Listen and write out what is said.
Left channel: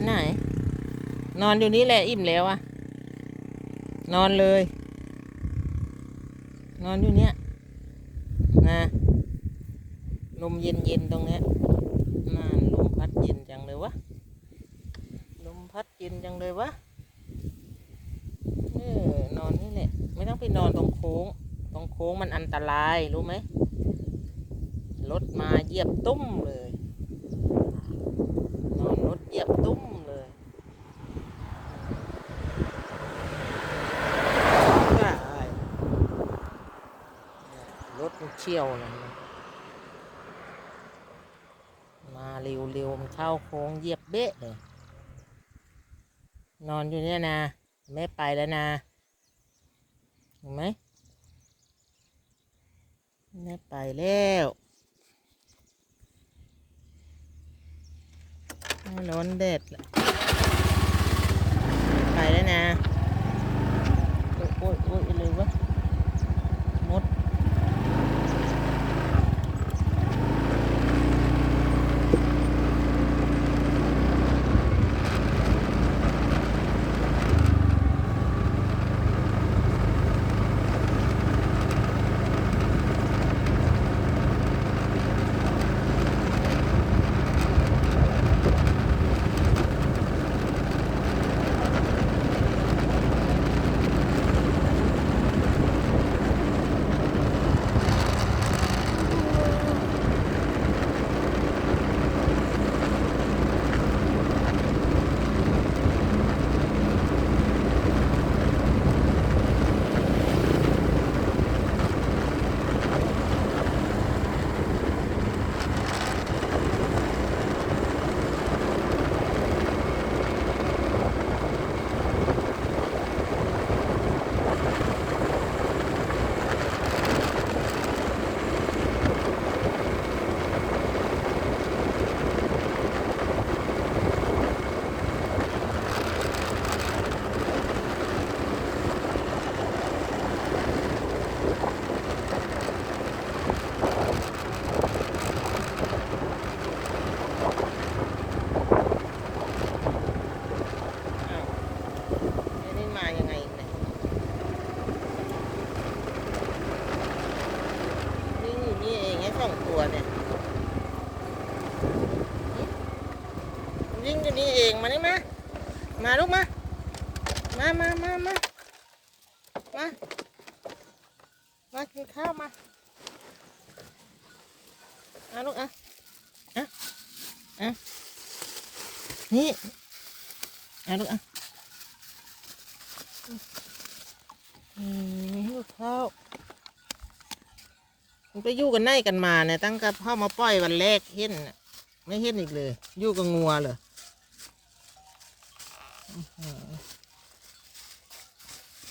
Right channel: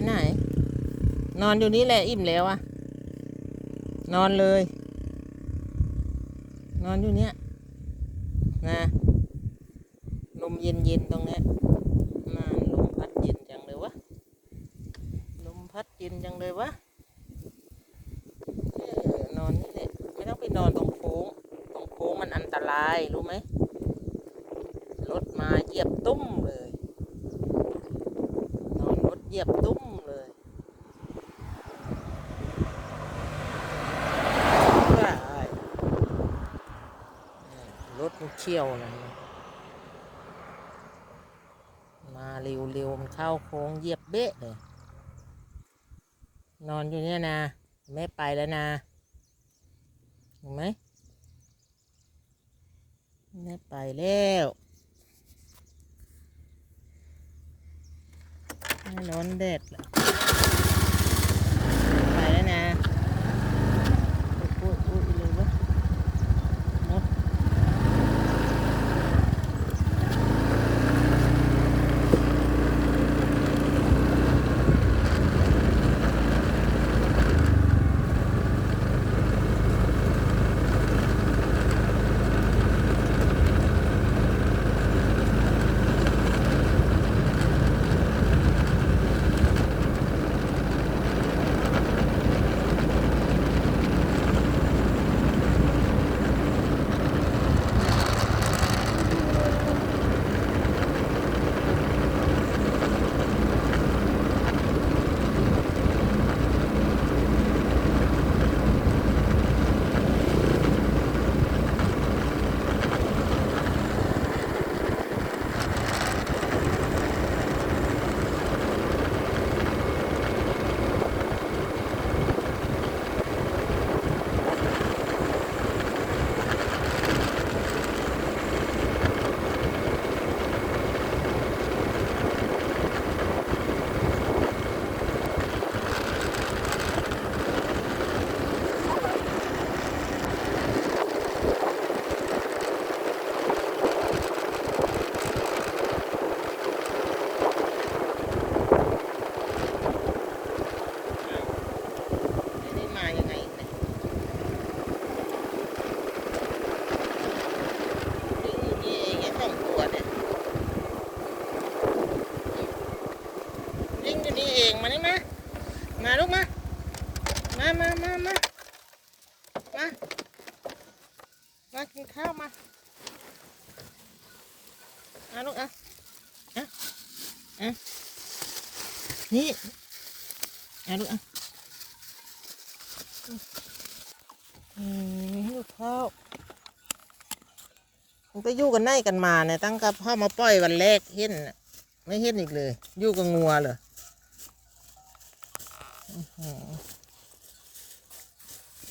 น นอนอยู่นี่แหละอิ่มแล้วอะนอนเลย นอนอยู่เนี้ยนะลมเย็นเย็นๆตรงเนี้ยน่านลมพัดเย็นจังเลยวะลมพัดเย็นจังเลยวะเออนอนนี่แหละไม่ต้องไปนอนตรงโค้ง ตรงโค้งมันอันตรายรู้ไหมรถมาเหยียบตุ้มเลย นอนรถเหยียบตุ้มเลยว้ายรถมัน เชี่ยวนะมาเร็วๆมันเข้าโค้งเหยียบเบ๊ะเลย นอนอยู่เนี่ยนะแม่ไปแล้วนะเห็นไหมแม่ไปแล้วร้อนเด็ดละ วิ่งอยู่นี่เองมานี่มา มาลูกมา มามามามามา มากินข้าวมาเอาลูกเอาเอาเอานี่เอาลูกเอาอืมให้ลูกข้าวมันไปอยู่กันไหนกันมาเนี่ยตั้งกับพ่อมาปล่อยวันแรกเห็นน่ะไม่เห็นอีกเลย อยู่กับงัวเหรอ อื้อหือ